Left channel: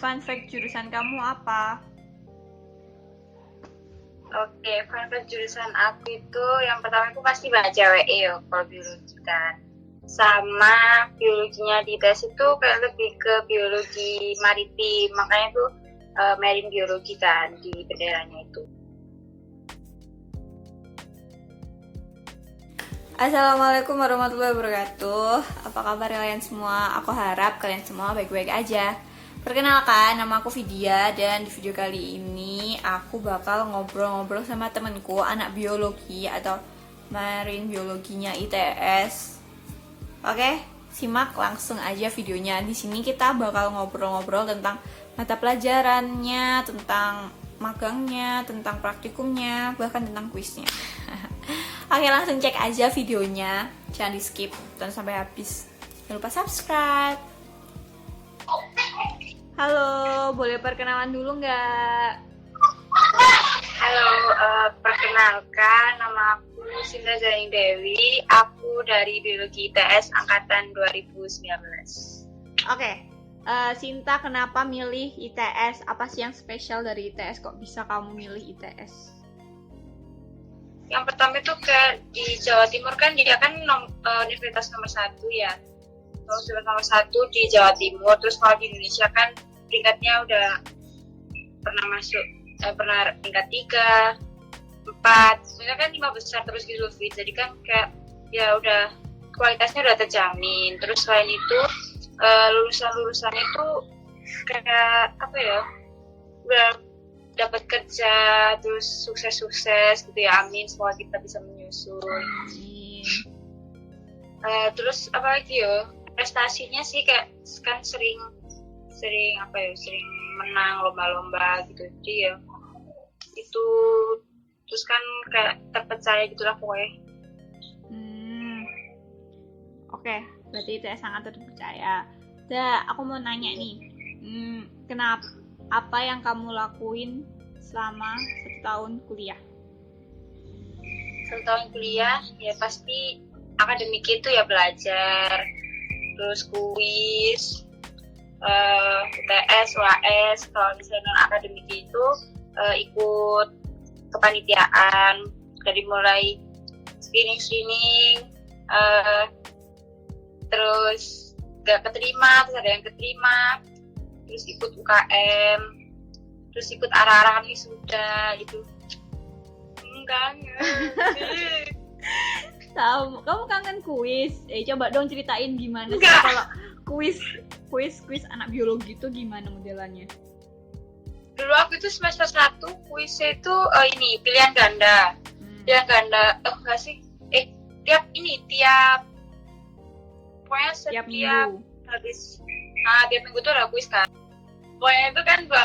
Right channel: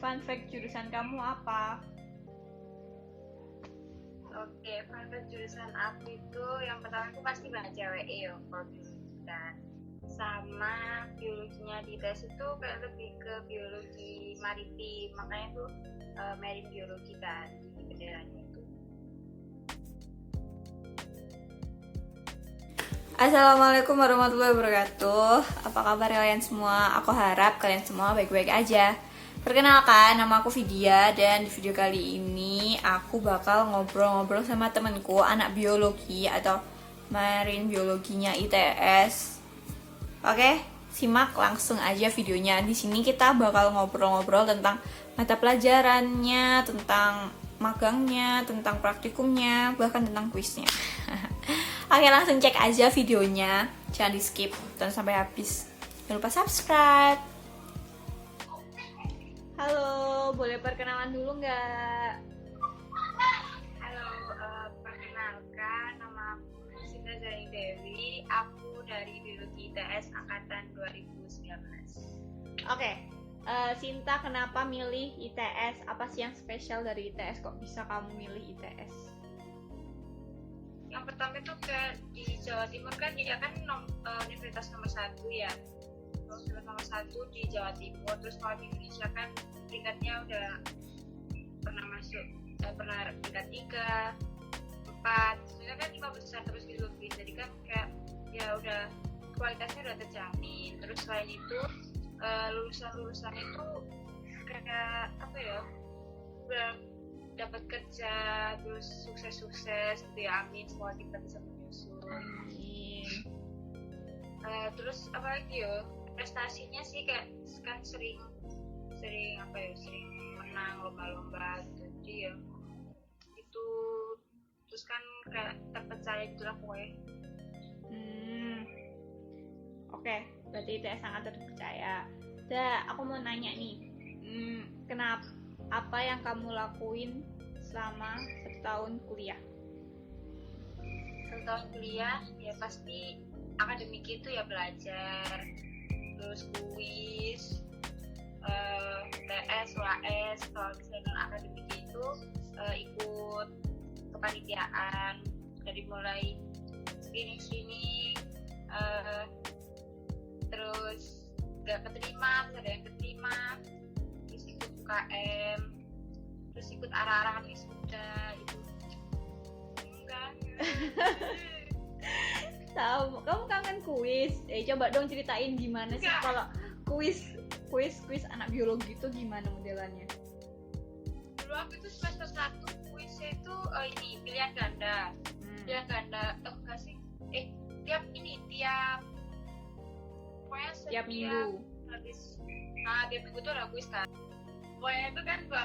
fun fact jurusan kamu apa? Oke, fun fact jurusan aku itu yang pertama itu pasti baca WE ya kalau biologi kan. Sama biologinya di tes itu kayak lebih ke biologi maritim, makanya tuh marine biologi kan di benderanya itu. Assalamualaikum warahmatullahi wabarakatuh. Apa kabar kalian semua? Aku harap kalian semua baik-baik aja. Perkenalkan, nama aku Vidya dan di video kali ini aku bakal ngobrol-ngobrol sama temenku anak biologi atau marine biologinya ITS. Oke, simak langsung aja videonya. Di sini kita bakal ngobrol-ngobrol tentang mata pelajarannya, tentang magangnya, tentang praktikumnya, bahkan tentang kuisnya. Oke, langsung cek aja videonya. Jangan di skip dan sampai habis. Jangan lupa subscribe. Halo, boleh perkenalan dulu nggak? Halo, perkenalkan nama aku Sinta Zaini Dewi. Aku dari biologi ITS angkatan 2019. Oke, Sinta kenapa milih ITS? Apa sih yang spesial dari ITS? Kok bisa kamu milih ITS? Yang pertama itu di Jawa Timur kan dia kan universitas nomor 1 ya. Universitas nomor 1 di Jawa Timur. Terus kalau di Indonesia kan peringkatnya udah pernah masuk, pernah peringkat 3, 4. Sebenarnya kan 5 besar terus gitu, jadi kan kayak ya udah kualitasnya udah terjamin. Terus selain itu lulusannya tuh kayak apa ya, udah dapat kerja terus sukses gitu ya, amin, semoga kita bisa menyusul. Terus apa lagi ya, prestasinya sih kayak kan sering menang lomba-lomba gitu, jadi ya itu terus kan kayak terpercaya gitulah pokoknya. Oke, berarti itu sangat terpercaya. Aku mau nanya nih, kenapa, apa yang kamu lakuin selama 1 tahun kuliah? 1 tahun kuliah ya pasti akademik itu ya belajar, terus kuis, UTS, UAS. Kalau misalnya non akademik itu ikut kepanitiaan dari mulai screening, terus gak keterima, terus ada yang keterima, terus ikut UKM, terus ikut arah-arahan wisuda gitu. Enggak. Tahu, kamu kangen kuis? Coba dong ceritain gimana sih kalau kuis anak biologi itu gimana modelannya? Dulu aku itu semester 1 kuisnya itu ini pilihan ganda. Pilihan ganda, enggak sih? Tiap pokoknya setiap minggu. Tiap minggu tuh ada kuis kan. Pokoknya itu kan dua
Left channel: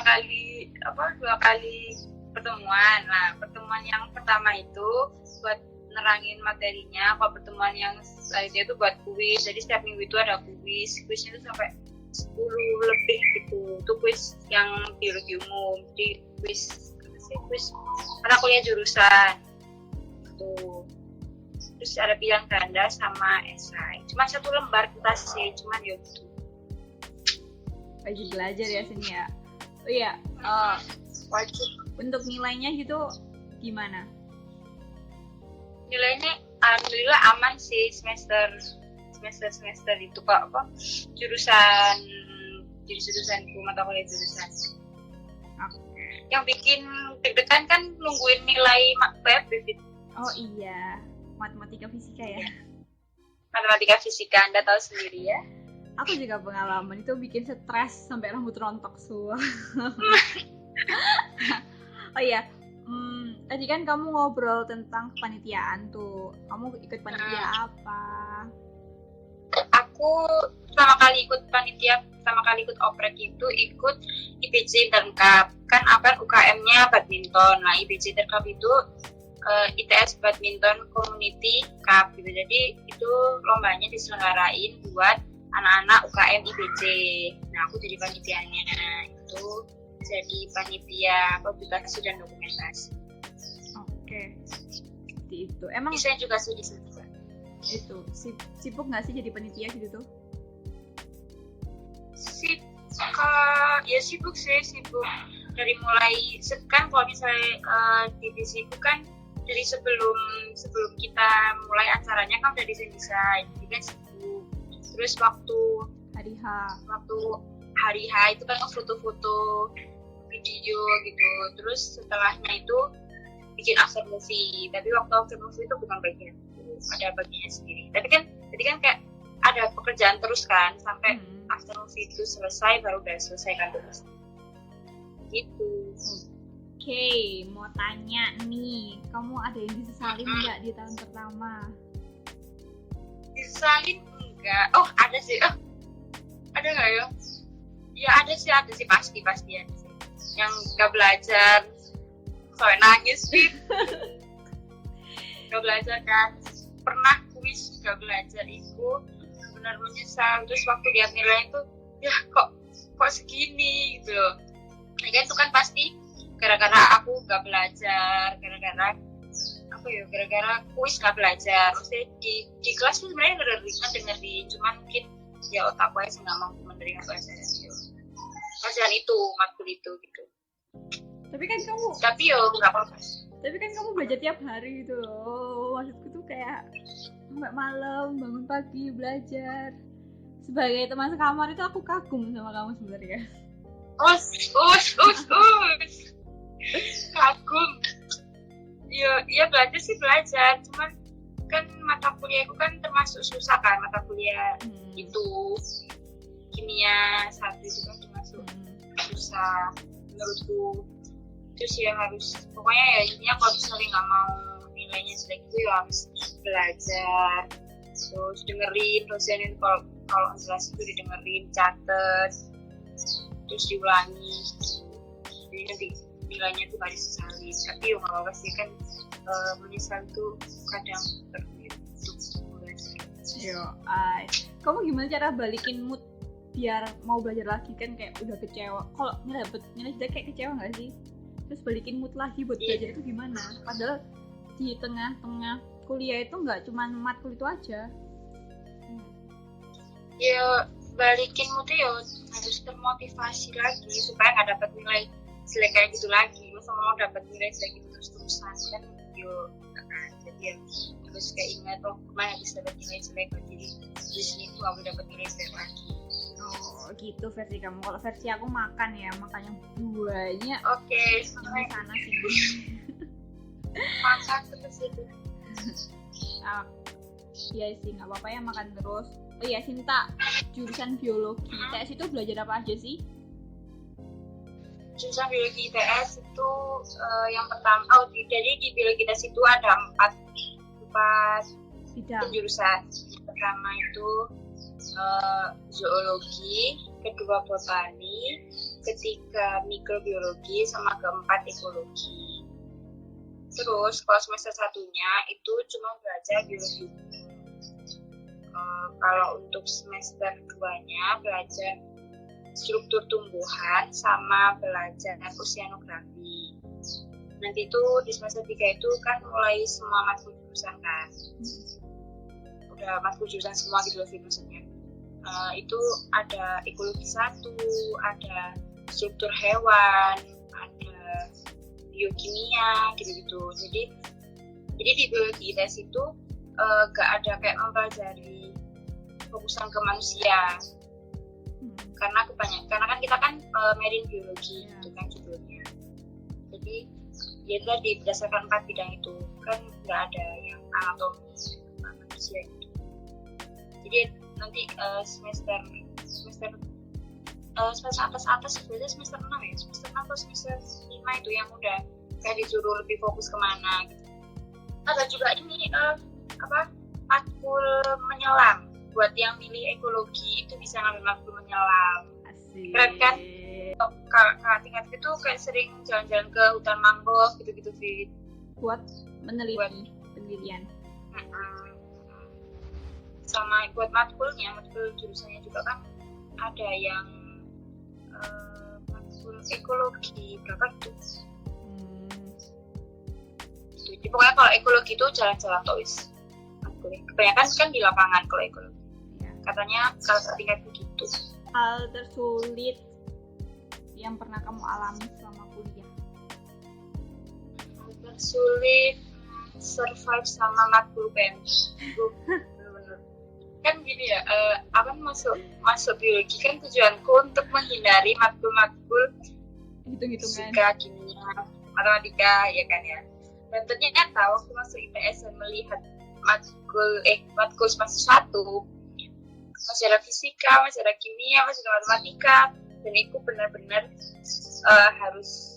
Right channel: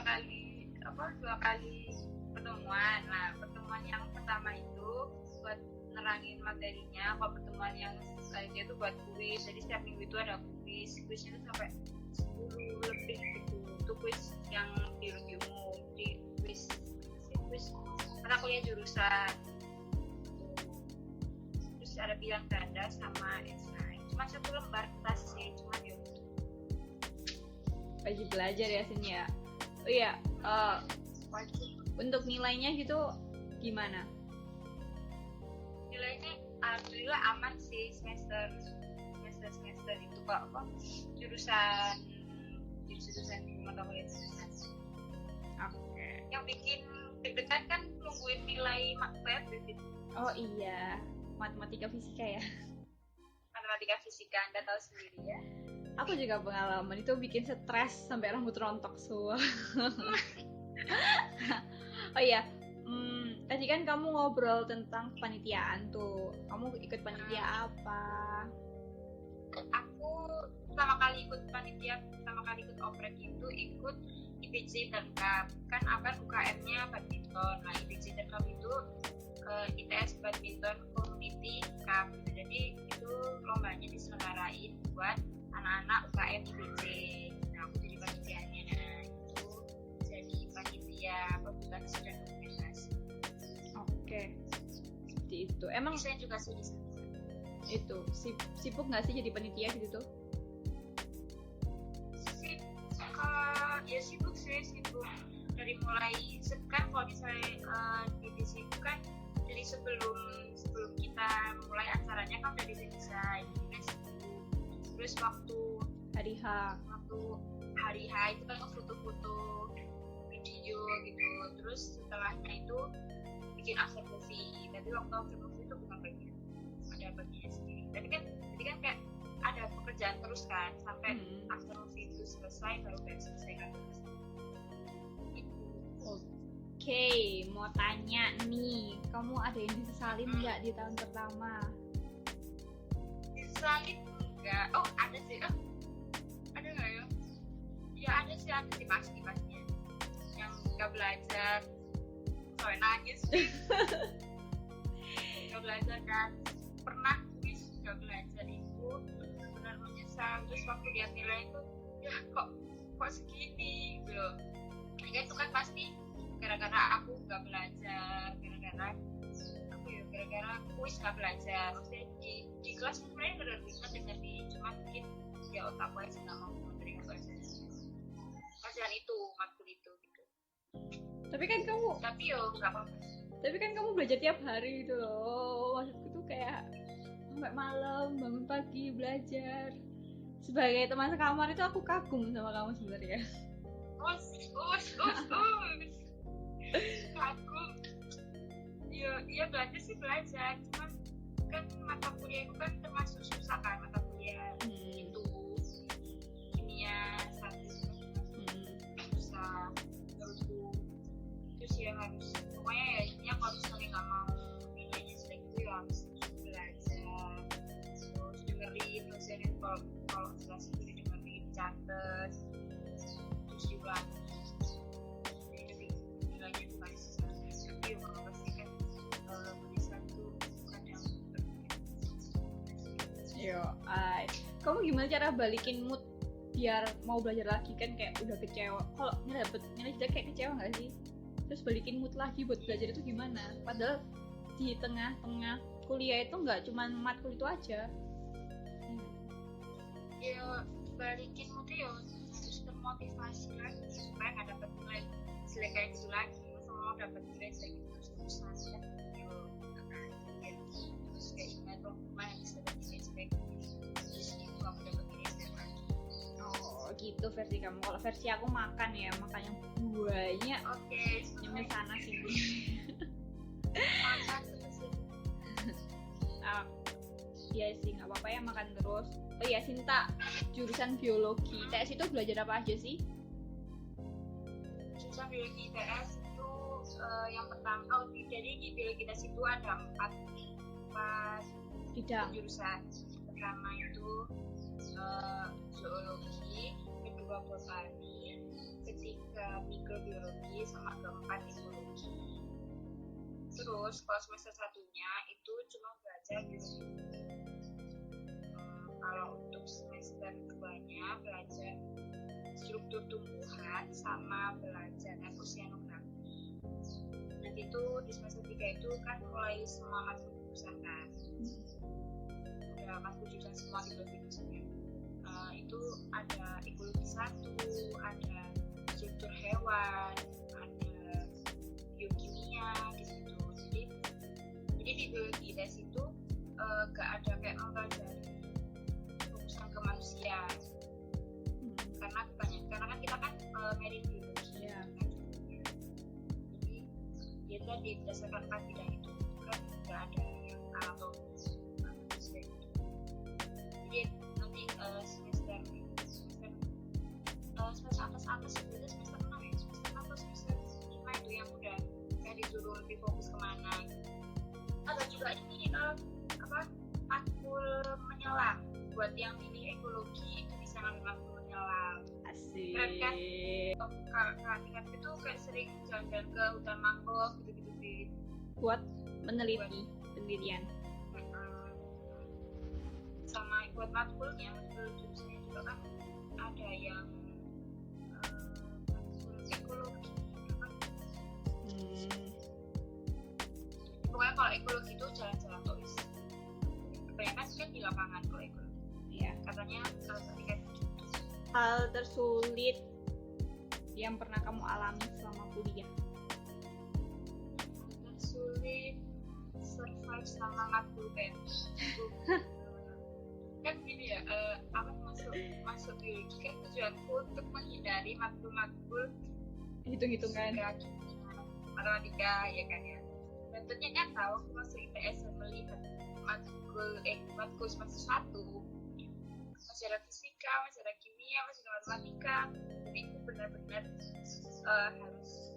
kali pertemuan. Nah, pertemuan yang pertama itu buat nerangin materinya, kalau pertemuan yang selanjutnya itu buat kuis. Jadi setiap minggu itu ada kuisnya itu sampai 10 lebih gitu. Itu kuis yang biologi umum. Jadi kuis anak kuliah jurusan tuh. Terus ada pilihan ganda sama esai. Cuma 1 lembar kertas sih, cuman ya gitu. Wajib belajar ya sini ya. Oh iya, Wajib. Untuk nilainya gitu gimana? Nilainya alhamdulillah aman sih semester itu kok jurusan mata kuliah jurusan. Oke. Yang bikin deg-degan kan nungguin nilai web. Oh iya, matematika fisika ya. Matematika fisika Anda tahu sendiri ya. Aku juga pengalaman itu bikin stres sampai rambut rontok semua. Oh iya, tadi kan kamu ngobrol tentang kepanitiaan tuh. Kamu ikut panitia apa? Aku pertama kali ikut oprek itu ikut IBC Intercup. Kan apa UKM-nya badminton. Nah, IBC Intercup itu ITS Badminton Community Cup gitu. Jadi itu lombanya diselenggarain buat anak-anak UKM IBC. Nah, aku jadi panitianya. Itu jadi panitia publikasi dan dokumentasi. Oke. Seperti itu. Emang desain juga sih desain. Itu sibuk nggak sih jadi panitia gitu tuh? Ya sibuk sih, sibuk dari mulai kan kalau misalnya di divisi itu kan dari sebelum kita mulai acaranya kan udah desain, jadi kan sibuk. Terus waktu hari H itu kan foto-foto video gitu. Terus setelahnya itu bikin after movie, tapi waktu after movie itu bukan bagian itu, ada bagiannya sendiri. Tapi kan jadi kan kayak ada pekerjaan terus kan sampai after movie itu selesai, baru udah selesai kan terus gitu. Oke, mau tanya nih, kamu ada yang disesalin nggak di tahun pertama? Disesalin enggak? Oh ada sih, ada nggak ya? Ya ada sih pasti ada sih. Yang nggak belajar sampai nangis sih. Nggak belajar kan, pernah kuis nggak belajar itu benar menyesal. Terus waktu lihat nilai itu ya kok segini gitu loh. Nah, itu kan pasti gara-gara aku nggak belajar, gara-gara kuis nggak belajar. Maksudnya di kelas tuh sebenarnya dengerin, cuman mungkin ya otakku aja nggak mampu menerima pelajaran itu, matkul itu gitu. Tapi nggak apa-apa. Tapi kan kamu belajar tiap hari gitu loh. Maksudku tuh kayak sampai malam, bangun pagi belajar. Sebagai teman sekamar itu aku kagum sama kamu sebenarnya. Kagum. Iya belajar sih belajar, cuman kan mata kuliahku kan termasuk susah kan, mata kuliah itu kimia 1 itu kan termasuk susah menurutku. Terus ya harus, pokoknya ya intinya kalau misalnya nggak mau nilainya jelek itu ya harus belajar, terus dengerin dosenin, kalau jelas itu didengerin, catet, terus diulangi, jadi nanti nilainya tuh gak disesali. Tapi ya nggak apa-apa sih kan, menyesal tuh kadang perlu untuk belajar. Kamu gimana cara balikin mood biar mau belajar lagi? Kan kayak udah kecewa, kalau dapet nilai jelek kayak kecewa nggak sih? Terus balikin mood lagi buat belajar itu gimana? Padahal di tengah-tengah kuliah itu nggak cuma matkul itu aja. Ya balikin mood ya harus termotivasi lagi supaya nggak dapat nilai jelek kayak gitu lagi. Masa mau dapat nilai jelek itu terus-terusan kan? Jadi terus kayak ingat kemarin habis dapat nilai jelek, jadi di sini tuh aku dapat nilai jelek lagi. Oh gitu versi kamu. Kalau versi aku makan yang banyak. Oke, sampai sana sini. Makan terus itu. Iya sih, nggak apa-apa ya makan terus. Oh iya, Sinta, jurusan biologi ITS itu belajar apa aja sih? Jurusan biologi ITS itu yang pertama, jadi di biologi ITS itu ada 4 bidang jurusan. Yang pertama itu zoologi, kedua botani, ketiga mikrobiologi, sama keempat ekologi. Terus kalau semester 1-nya itu cuma belajar biologi. Kalau untuk semester 2-nya belajar struktur tumbuhan sama belajar oceanografi. Nanti itu di semester 3 itu kan mulai semua matkul jurusan kan. Udah matkul jurusan semua gitu loh maksudnya. Itu ada ekologi 1, ada struktur hewan, ada biokimia gitu-gitu. Jadi di biologi ITS itu gak ada kayak mempelajari fokusan ke manusia. Karena kan kita kan marine biologi gitu kan judulnya. Jadi ya tadi berdasarkan 4 bidang itu kan nggak ada yang anatomi manusia gitu. Jadi nanti semester atas sebenarnya semester 6 ya, semester 6 atau semester 5 itu yang udah kayak disuruh lebih fokus kemana gitu. Ada juga ini matkul menyelam. Buat yang pilih ekologi itu bisa ngambil matkul menyelam. Asik. Keren kan? Kakak tingkat itu kayak sering jalan-jalan ke hutan mangrove gitu-gitu Fit. Buat meneliti penelitian. Sama buat matkul jurusannya juga kan ada yang matkul ekologi berapa gitu. Jadi pokoknya kalau ekologi itu jalan-jalan tois. Kebanyakan kan di lapangan kalau ekologi. Iya. Katanya kalau tingkat begitu. Hal tersulit yang pernah kamu alami selama kuliah? Sulit survive sama matkul PMI. Bener-bener. Kan gini ya, aku masuk biologi kan tujuanku untuk menghindari matkul-matkul Hitung-hitungan. fisika, kimia, matematika, ya kan ya. Dan ternyata waktu masuk IPS dan melihat matkul semester 1 masih ada fisika, masih ada kimia, masih ada matematika, dan itu benar-benar harus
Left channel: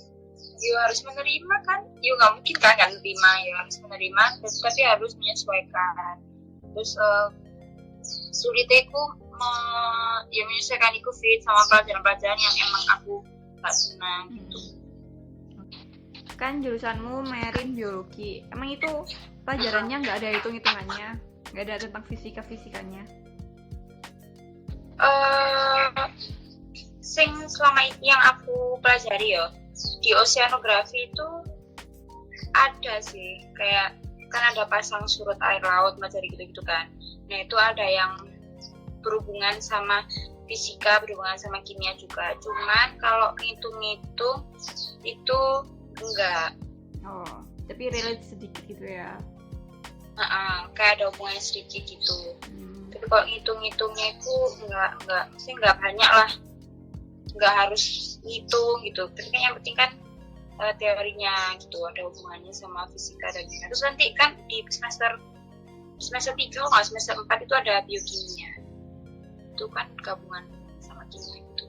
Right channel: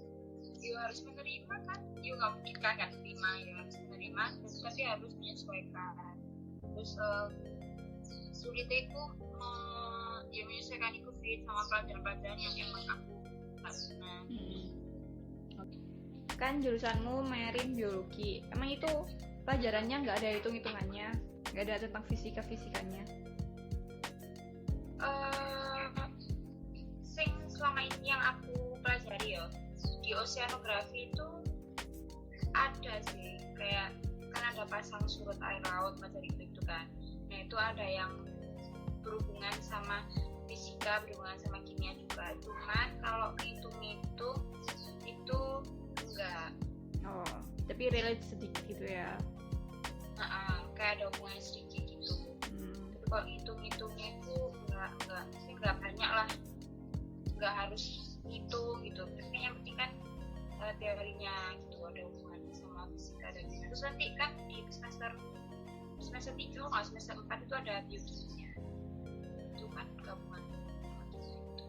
menerima kan, nggak mungkin kan nggak menerima, ya harus menerima, tapi harus menyesuaikan. Terus sulitnya aku menyesuaikan itu fit sama pelajaran-pelajaran yang emang aku nggak senang gitu. Kan jurusanmu marine biologi, emang itu pelajarannya nggak ada hitung-hitungannya, nggak ada tentang fisikanya? Sing selama ini yang aku pelajari ya di oceanografi itu ada sih, kayak kan ada pasang surut air laut macam gitu kan. Nah itu ada yang berhubungan sama fisika, berhubungan sama kimia juga. Cuman kalau ngitung-ngitung itu enggak. Oh, tapi relate sedikit gitu ya? Kayak ada hubungannya sedikit gitu. Tapi kalau ngitung-ngitungnya itu enggak banyak lah. Nggak harus ngitung gitu, tapi kan yang penting kan teorinya gitu, ada hubungannya sama fisika dan kimia. Terus nanti kan di semester 3 nggak, semester 4 itu ada biokimia, itu kan gabungan sama kimia gitu,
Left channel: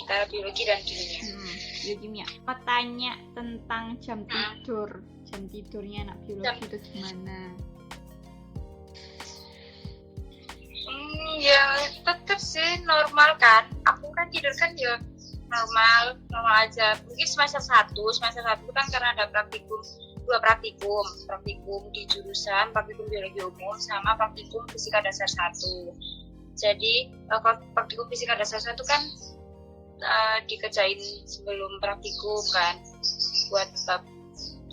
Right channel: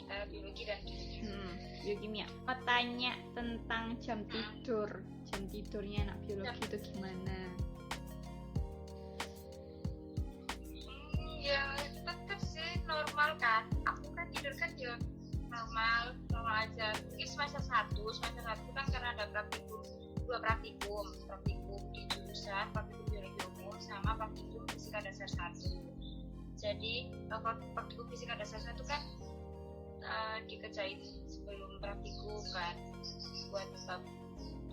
antara biologi dan kimia. Biokimia. Mau tanya tentang jam tidurnya anak biologi itu gimana? Ya tetap sih normal kan, aku kan tidur kan ya normal aja. Mungkin semester 1 kan karena ada dua praktikum di jurusan, praktikum biologi umum sama praktikum fisika dasar 1. Jadi kalau praktikum fisika dasar 1 kan dikerjain sebelum praktikum kan, buat bab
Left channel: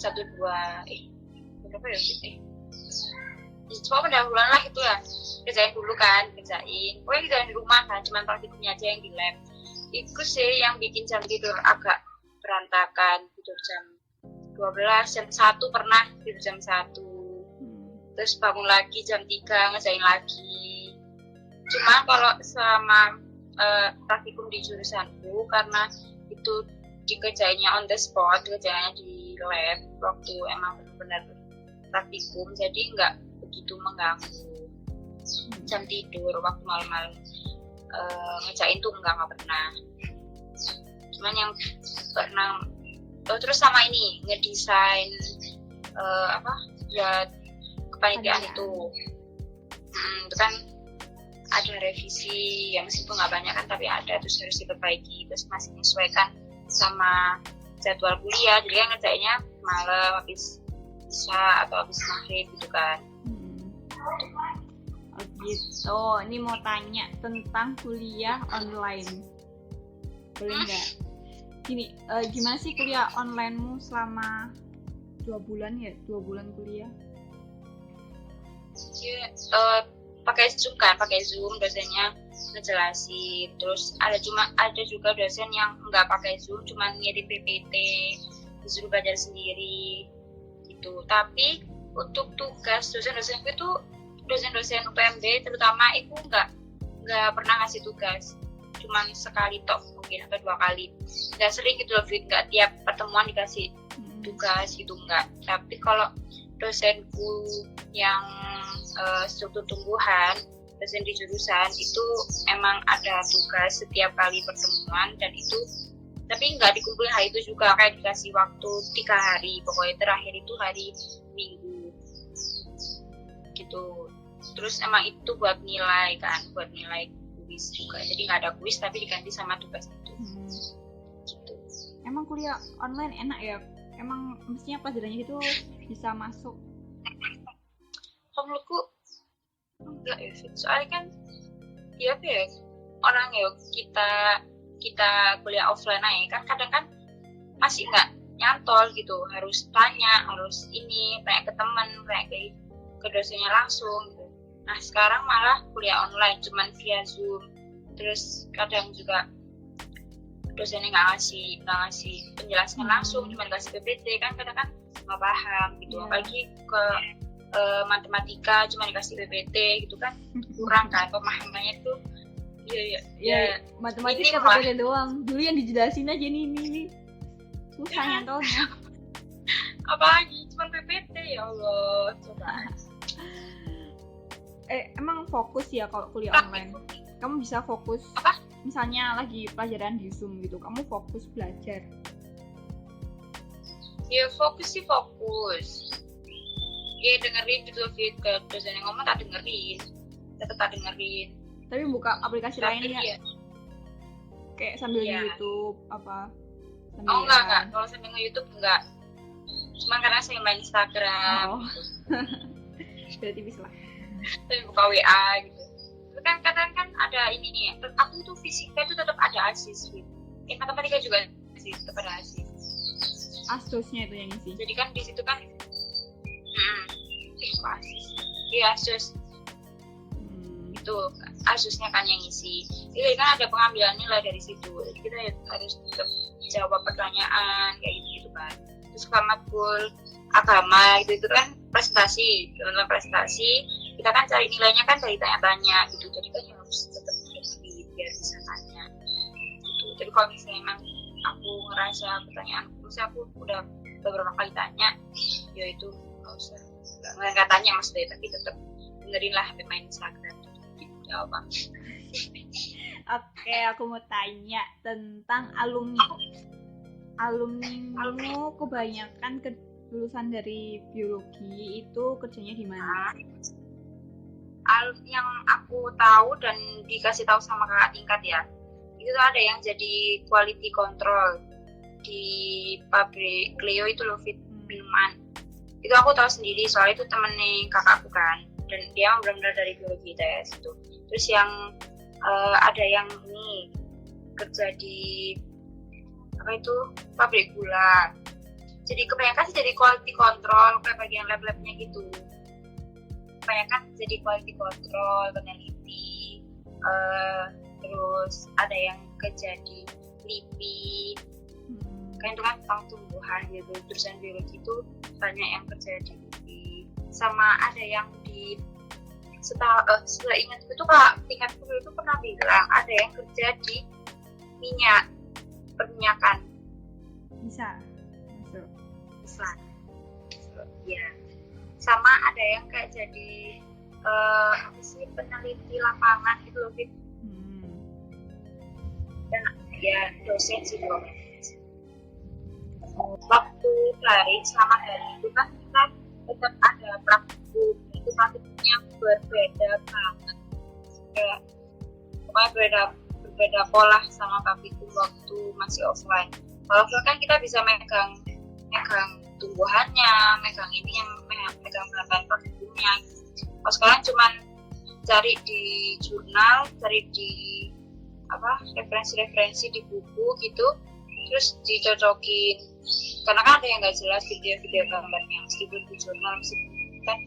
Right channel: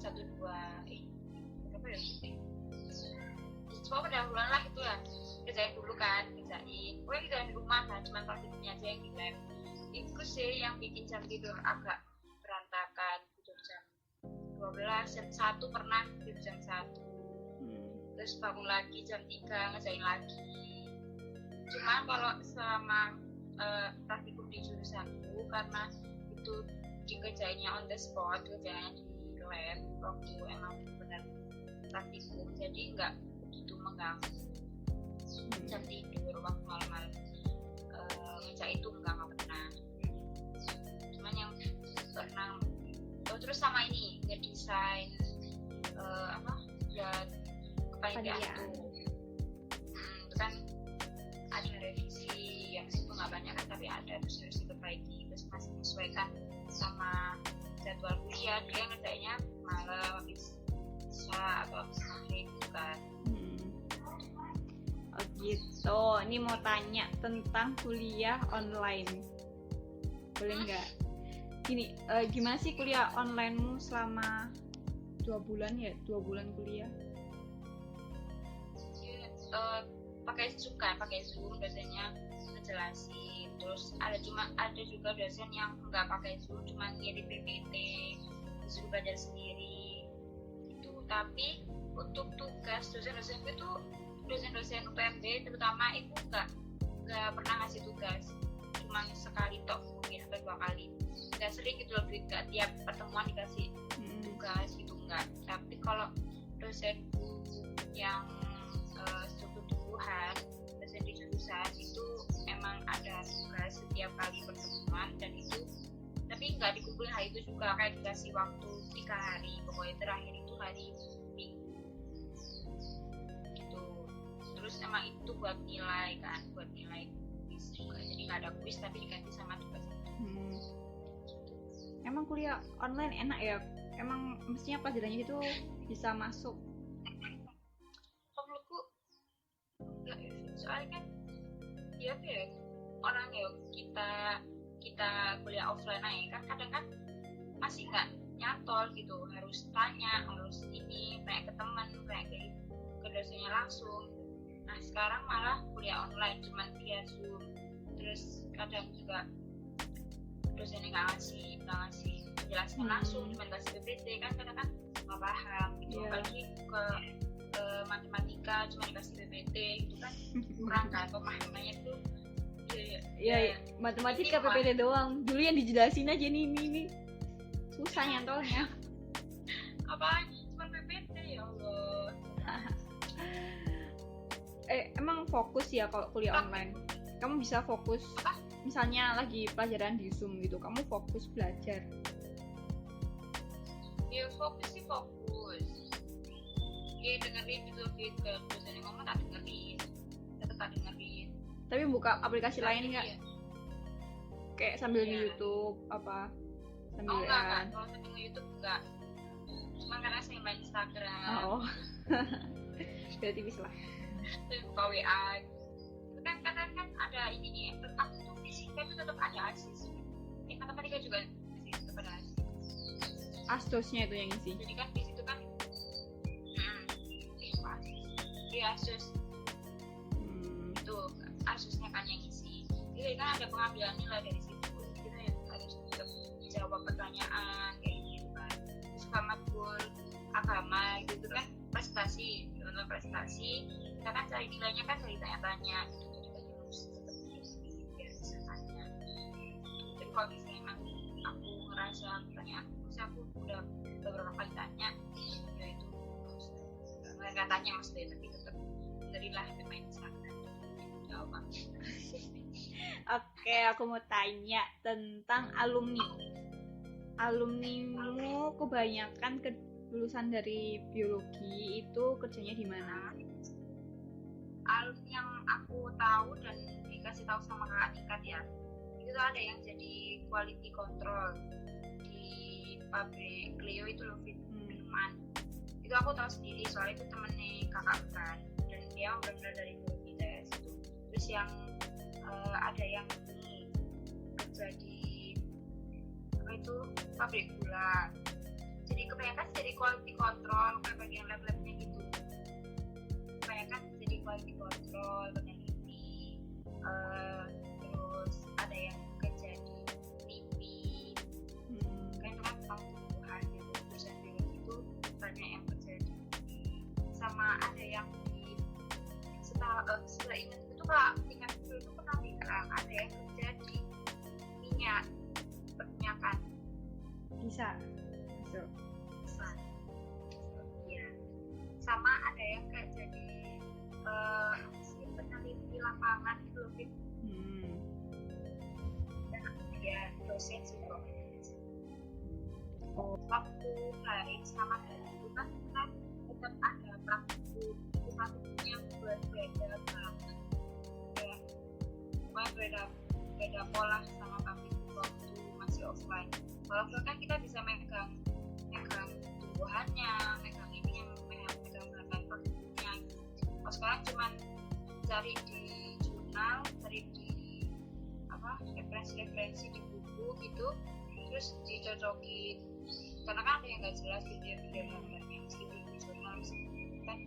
1, 2 berapa ya sih? Cuma pendahuluan lah gitu ya, kerjain pokoknya kerjain di rumah kan, cuma praktikumnya aja yang di lab. Itu sih yang bikin jam tidur agak berantakan, tidur jam 12, jam 1 pernah tidur jam 1, terus bangun lagi jam 3 ngerjain lagi. Cuma kalau selama praktikum di jurusanku, karena itu dikerjainnya on the spot, kerjainnya di lab waktu emang benar-benar praktikum, jadi nggak begitu mengganggu jam tidur. Waktu malam-malam ngerjain tuh nggak pernah. Cuman yang pernah terus sama ini ngedesain kepanitiaan itu kan ada revisi ya, meskipun nggak banyak kan, tapi ada, terus harus diperbaiki, terus masih menyesuaikan sama jadwal kuliah, jadi kan ngerjainnya malam habis isya atau habis maghrib gitu kan. Oh gitu. Ini mau tanya tentang kuliah online, boleh nggak? Gini, gimana sih kuliah onlinemu selama 2 bulan kuliah? Ya, pakai Zoom, dosennya ngejelasin. Terus ada juga dosen yang nggak pakai Zoom, cuma ngirim PPT, disuruh belajar sendiri gitu. Tapi untuk tugas dosen-dosen itu, dosen-dosen UPMB terutama itu nggak pernah ngasih tugas, cuman sekali tok mungkin atau 2 kali, nggak sering gitu loh, nggak tiap pertemuan dikasih tugas gitu, nggak. Tapi kalau dosenku yang struktur tumbuhan, dosen di jurusan itu emang ada tugas setiap kali pertemuan, dan itu tapi nggak dikumpulin hari itu juga, kayak dikasih waktu 3 hari, pokoknya terakhir itu hari Minggu gitu. Terus emang itu buat nilai kuis juga, jadi nggak ada kuis tapi diganti sama tugas itu. Gitu. Emang kuliah online enak ya? Emang mestinya pelajarannya itu bisa masuk? Kalau menurutku enggak ya, soalnya kan ya orang ya kita kuliah offline aja kan, kadang kan masih nggak nyantol gitu, harus tanya ke teman, kayak ke dosennya langsung gitu. Nah sekarang malah kuliah online cuman via Zoom, terus kadang juga dosennya nggak ngasih penjelasan langsung, cuma ngasih PPT kan kadang kan nggak paham gitu. Apalagi ke matematika cuma dikasih PPT gitu kan kurang kan pemahamannya tuh. Ya, matematika PPT doang. Dulu yang dijelasin aja ini susah nyantolnya. Apalagi cuma PPT, ya Allah. Coba. Emang fokus ya kalau kuliah online? Kamu bisa fokus? Apa? Misalnya lagi pelajaran di Zoom gitu, kamu fokus belajar? Ya fokus sih fokus. Ya dengerin gitu ke dosen yang ngomong, tak dengerin. Tetap tak dengerin. Tapi buka aplikasi lain nggak? Iya. Kayak sambil di YouTube apa? Oh enggak. Kalau sambil nge-YouTube enggak. Cuma karena saya main Instagram. Oh. Berarti bisa lah. Tapi buka WA gitu. Tapi kan kadang kan ada ini nih. Aku tuh fisika itu tetap ada ASIS gitu. Matematika juga sih tetap ada ASIS. Asdosnya itu yang isi. Jadi kan di situ kan ASIS. Iya ASIS. Itu ASISnya kan yang isi. Jadi kan ada pengambilan nilai dari situ. Jadi kita harus jawab pertanyaan kayak gitu kan. Terus matkul agama itu kan prestasi, dalam prestasi kita kan cari nilainya kan dari tanya-tanya gitu. Jadi kan harus tetap berdiri biar bisa tanya. Gitu. Jadi kalau misalnya emang aku ngerasa pertanyaan aku udah beberapa kali tanya, ya itu nggak tanya maksudnya, tapi tetap dengerin lah main Instagram. Jawab. Oke, aku mau tanya tentang alumni. Alumnimu kebanyakan lulusan dari biologi itu kerjanya di mana? Yang aku tahu dan dikasih tahu sama kakak tingkat ya, itu ada yang jadi quality control di pabrik Cleo itu loh, minuman. Itu aku tahu sendiri soalnya itu temennya kakakku kan, dan dia benar-benar dari biologi tes itu. Terus yang ada yang ini kerja di apa itu pabrik gula. Jadi kebanyakan sih jadi quality control kayak bagian lab-labnya gitu. Kebanyakan jadi quality control, peneliti, terus ada yang kerja di LIPI, kan itu kan tentang tumbuhan gitu. Terusan biologi itu banyak yang kerja di LIPI, sama ada yang di setelah ingat itu kak tingkat dulu itu pernah bilang ada yang kerja di perminyakan. Bisa ya, sama ada yang kayak jadi apa sih, peneliti lapangan gitu loh, Fit. Dan ya dosen sih loh. Waktu hari selama hari itu kan kita tetap ada praktikum, itu praktikumnya berbeda banget, kayak pokoknya berbeda pola sama praktikum waktu masih offline. Kalau offline kan kita bisa megang tumbuhannya, megang ini yang megang bahan praktikumnya. Kalau sekarang cuman cari di jurnal, cari di referensi di buku gitu, terus dicocokin. Karena kan ada yang nggak jelas video gambarnya, meskipun di jurnal kan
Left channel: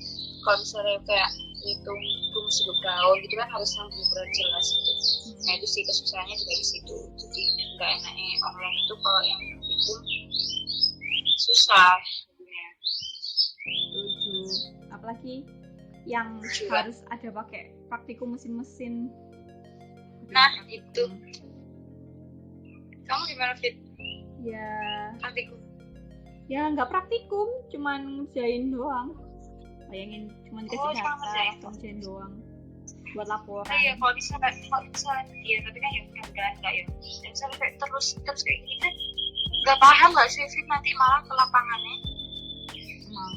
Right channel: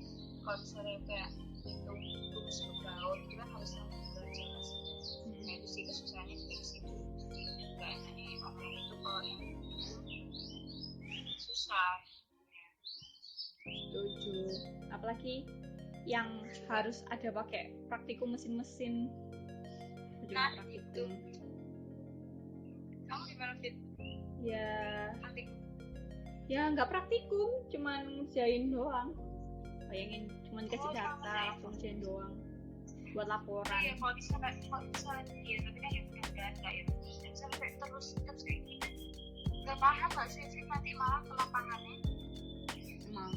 kalau misalnya kayak hitung fungsi daun gitu kan harus yang benar jelas gitu. Nah itu sih kesusahannya juga di situ. Jadi nggak enaknya online itu kalau yang itu susah sebenarnya. Setuju. Apalagi yang harus ada pakai praktikum mesin-mesin. Nah itu. Kamu gimana, Fit? Ya. Praktikum. Ya nggak praktikum, cuman ngerjain doang. Bayangin cuman kasih data, ngerjain doang. Buat laporan. Iya, kalau bisa iya, tapi kan ya udah enggak ya. Dan misalnya kayak terus kayak gini kan nggak paham nggak sih, Fit, nanti malah ke lapangannya. Emang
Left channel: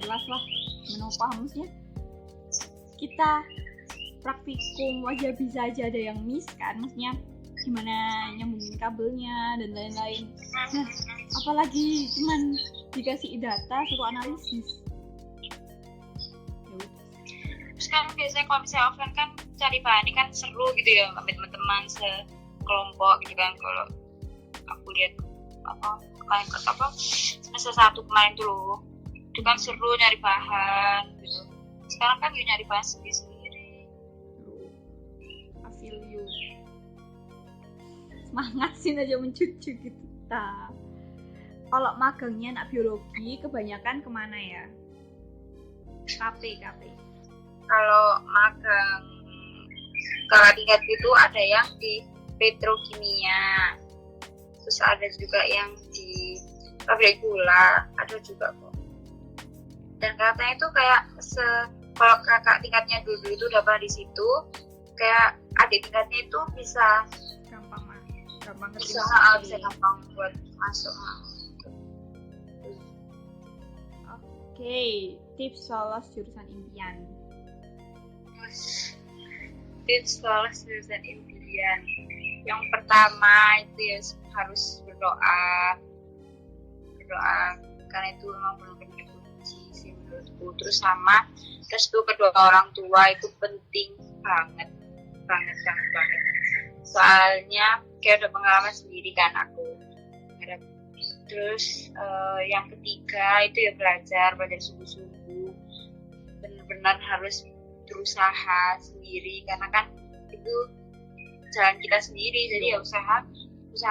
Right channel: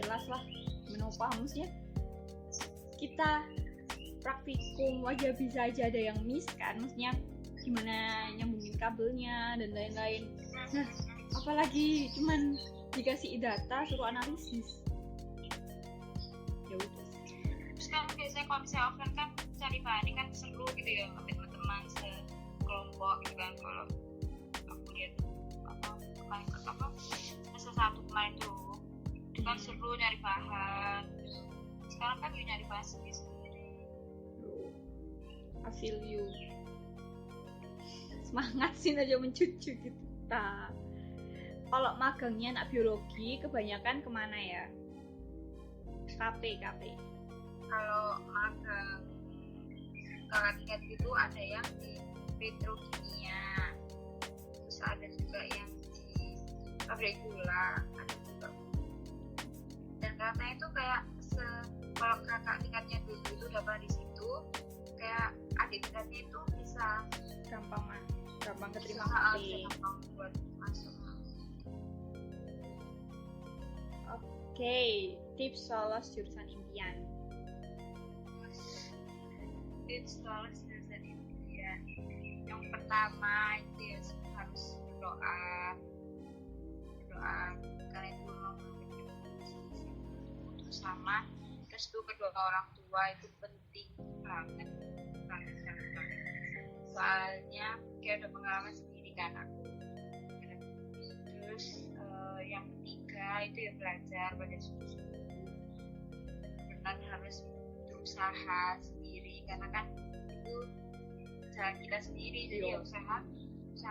jelas lah, mana paham maksudnya. Kita praktikum aja bisa aja ada yang miss kan, maksudnya gimana nyambungin kabelnya dan lain-lain. Nah, apalagi cuman dikasih data suruh analisis. Ya udah. Terus kan biasanya kalau misalnya offline kan cari bahan kan seru gitu ya, sama teman-teman sekelompok gitu kan. Kalau aku lihat semester 1 kemarin tuh loh, itu kan seru nyari bahan gitu. Sekarang kan dia nyari bahan sendiri. I feel you. semangat sih aja mencucu gitu ta. Kalau magangnya anak biologi kebanyakan kemana ya? KP. Kalau magang kakak tingkat itu ada yang di petrokimia, terus ada juga yang di pabrik gula, ada juga kok. Dan katanya itu kayak kalau kakak tingkatnya dulu itu udah pernah di situ, kayak adik tingkatnya itu bisa Gampang keterima bisa kerja. gampang buat masuk. Oke, tips lolos jurusan impian. Tips lolos jurusan impian, yang pertama itu ya harus berdoa karena itu memang belum kunci sih menurutku. Terus sama restu kedua orang tua itu penting banget. Soalnya kayak udah pengalaman sendiri kan aku. Terus yang ketiga itu ya belajar sungguh-sungguh, benar-benar harus berusaha sendiri karena kan itu jalan kita sendiri, jadi ya usaha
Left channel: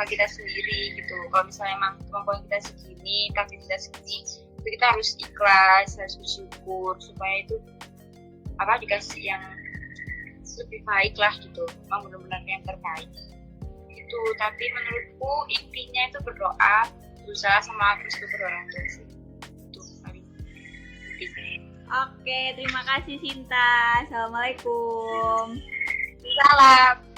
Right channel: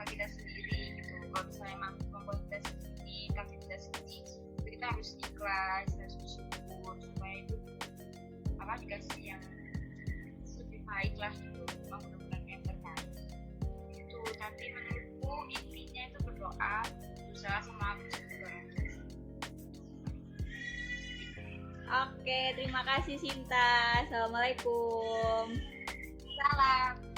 kita sendiri gitu. Kalau misalnya emang kemampuan kita segini, kapasitas kita segini, itu kita harus ikhlas, harus bersyukur supaya itu dikasih yang lebih baik lah gitu, emang benar-benar yang terbaik itu. Tapi menurutku intinya itu berdoa, berusaha, sama restu kedua orang tua sih, itu paling penting. Oke, terima kasih Sinta. Assalamualaikum. Salam.